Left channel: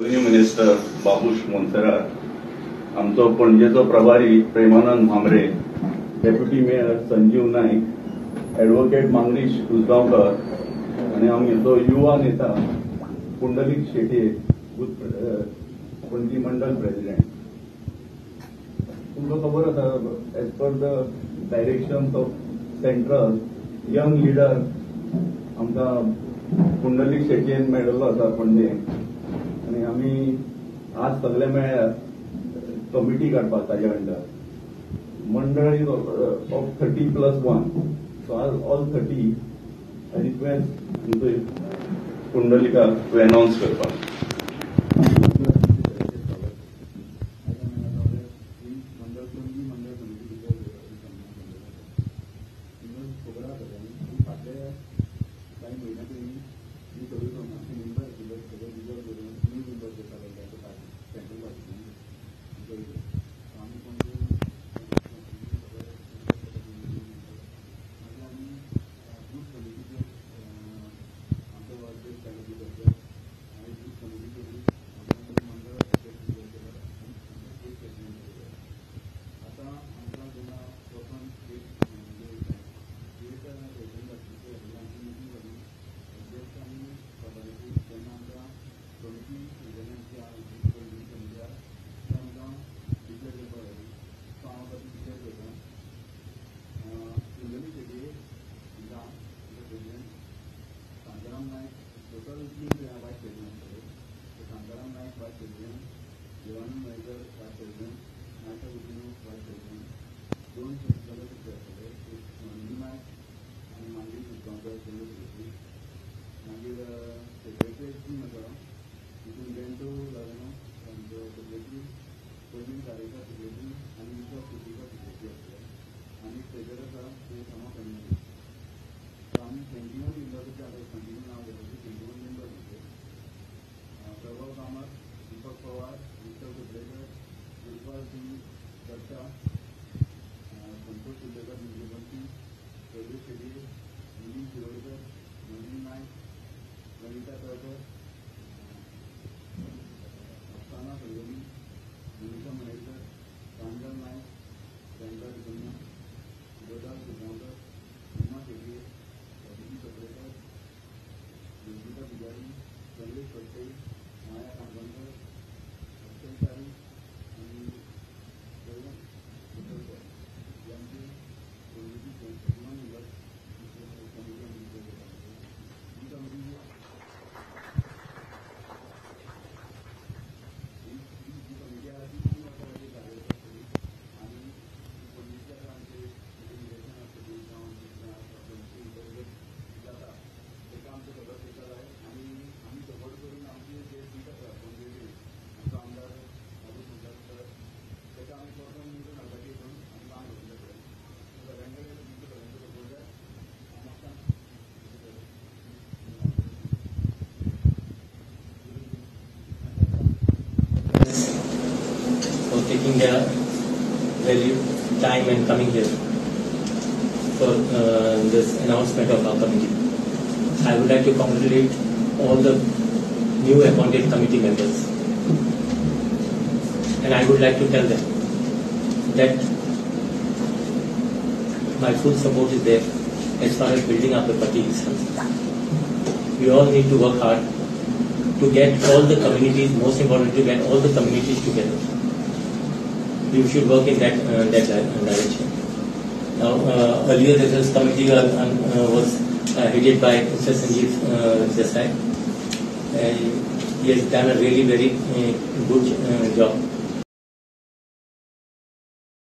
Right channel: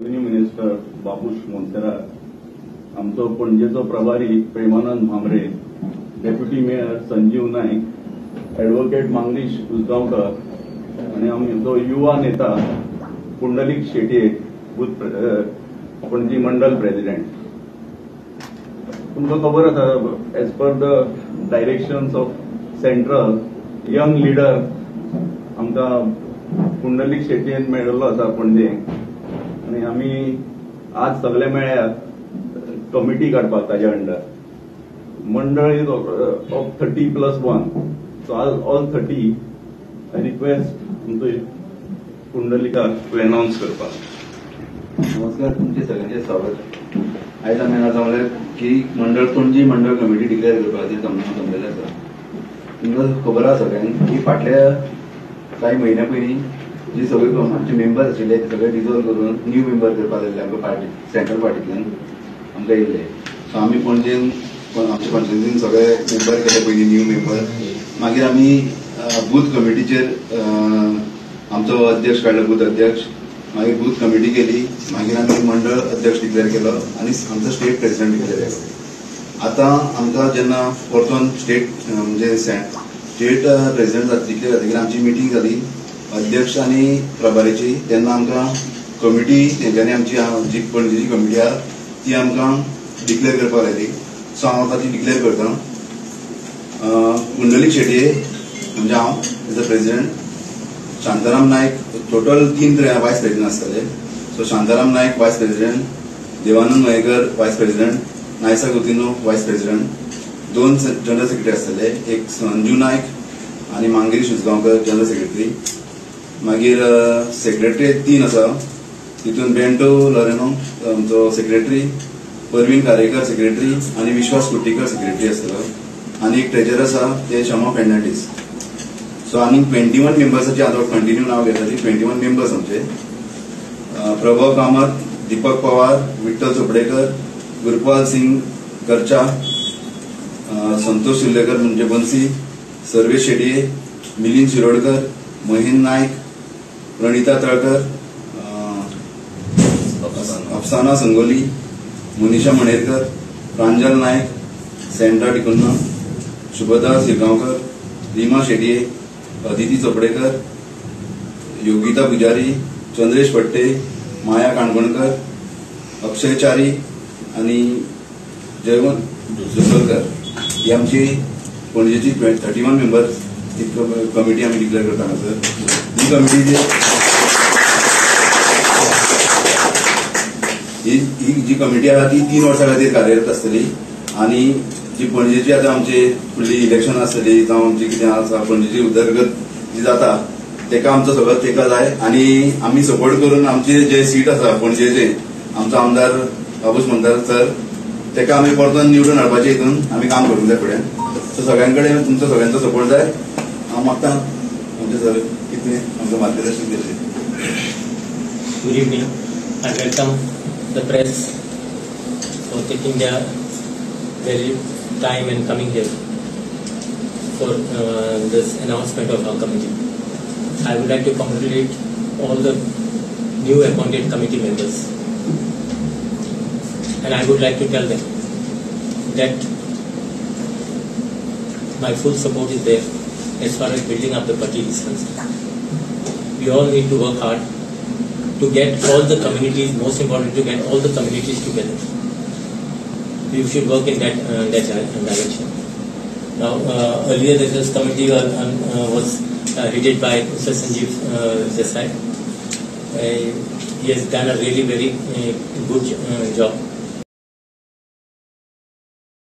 Revenue minister Babush Monserrate, आमचो पणजेचो प्रभारी Premanand Bhamre, deputy mayor Sanjeev Naik, advocate Mangirish Usgaonkar आणि आमचो युवा नेता पुंडलिक शेटये, पणजी मंडल प्रेसिडेंट. तुमकां खबर आसा, as per the directions of central young leader आमकां पुंडलिक शेटयेन मेळिल्लो आसा पणजे. आणि आम्ही आज सगळे मेळ्यात कमिटी काडपाक ताज्या अंडर. मंडळ is of 30+1, so all 30. I request पुंडलिकाक टू अनाउन्स करपाक. नमस्कार, तुमचे सगळ्यांचे स्वागत. आयज आमी हांगा जमले की मंडळ पणजी मंडळ कमिटी डिक्लेअर करपा खातीर जमलेले आसा. तुमकां खबर आसा सगळ्यांक की फाटल्या काही महिन्या पयलीं जी सगळे आमचे मेंबर्स आशिल्ले ते सगळे डिजॉल्व करून न्यू मेंबर करपाक लागले आमकां पार्टी सेंट्रल पार्टींतल्यान आमकां येयल्ले. सो आमी पणजेन आमच्या कॉन्स्टिट्युन्सीन सगळे मेंबर केले पयलीं न्यू मेंबर. मागीर आमी बूथ कमिटीचेर आमचो अध्यक्ष काडलो, बूथ अध्यक्ष. मागीर बूथ कमिटी केली. मागीर आमी मंडळ अध्यक्ष डिक्लेअर केलो आणि आमचो स्टेट प्रेसिडेंट डिक्लेअर केलो. आतां आमकां जेन्ना परतून स्टेट म्हणजे स्टेट प्रेसिडेंट डिक्लेअर जातकीर आमची मिटींग जाली अध्यक्ष आणि प्रभारीची. तेन्ना आमकां कमिटी तेंच्यांनी आमची जी पणजेची कमिटी आहा ती आमकां डिक्लेअर करपाक लायली. सो हांव आतां ती डिक्लेअर करता. पुंडलिक शेटये म्हणजे हांव as a president, Shantaram Naik, total 3 vice president आसतले. सो शांताराम नायक वायस प्रेसिडेंट, देवानंद मयेकर वायस प्रेसिडेंट, नायसा गुतिनो वायस प्रेसिडेंट, 2 जनरल सेक्रेटरी आसतले, एक संजू नायक आणि मांगरीश उसगांवकर जनरल सेक्रेटरी. मागीर सेक्रेटरी 3 आसा, तितून बेंटो लॉरेनो आमचो सेक्रेटरी, परवीन कारेकर सेक्रेटरी आणि विश्वास कुट्टीकर सेक्रेटरी आसतलो. आणि एक ट्रेजर आसा ते शमा फेर्नांडीस. सो आनी 21 मेंबर्साचे आता कंटिन्यू नाव घेता ती 21 मेंबर्स आमचे. प्रभाव कामत, दीपक पवार, विठ्ठल चोपडेकर, गुरपाल सिंग करचा, संतोष शिल्लेकर म्हणजे बन्सी, सर्वेश शेटये, मिलिंद शिरोडकर, महेंद्र नायक, प्रणिता तळकर, अफसाना संगोली, मनीषा मणेरकर, प्रांजल नायक, सेंड्रा टिकुन्ना, शुभदा सिरगांवकर, रीमा शेटये, अदिती चोपडेकर, योगिता पुजारी, चंद्रेश पट्टे, माया काणकोणकर, अक्षय चारी आणि जयवंत जुसलकर ही आमची पणजेची 31 मेंबर्स कमिटी आम्ही डिक्लेअर करता. सर ही कमिटी ही जी कमिटी आहा ती 3 वर्सां खातीर कार्यरत आसतली. आणि जी पणजेची आता आमची फुडली इलेक्शन आसतली जावं आमची कितें आसा पणजेची उदरगत जी जाता तेका आमचो सगळो तेका जाय. आणि आमी सपोर्ट करून आमचे जे सीट आसा पणजेचे आमचो आमदार बाबूश मोन्सेरात सर तेका आमी परतून निवडून हाडपाचे हितून आमी काम करूंक जाय फुडें. सो सगळ्यांकडे तुमचो सगळ्यांचो सपोर्ट जाय. हांव मागता आमचे सर कितें आमकां मार्गदर्शन दिलें. Good evening. I welcome the press for taking their very time and coming here for this announcement of our committee. I would like to congratulate all the new appointed committee members, and I would like to tell them that my full support is there as far as building up the party is concerned. We all need to work hard to get all the communities, most important to get all the communities together. We should work in that direction. Now, earlier the Research Committee was headed by Mr. Sanjeev Desai. He has done a really very good job.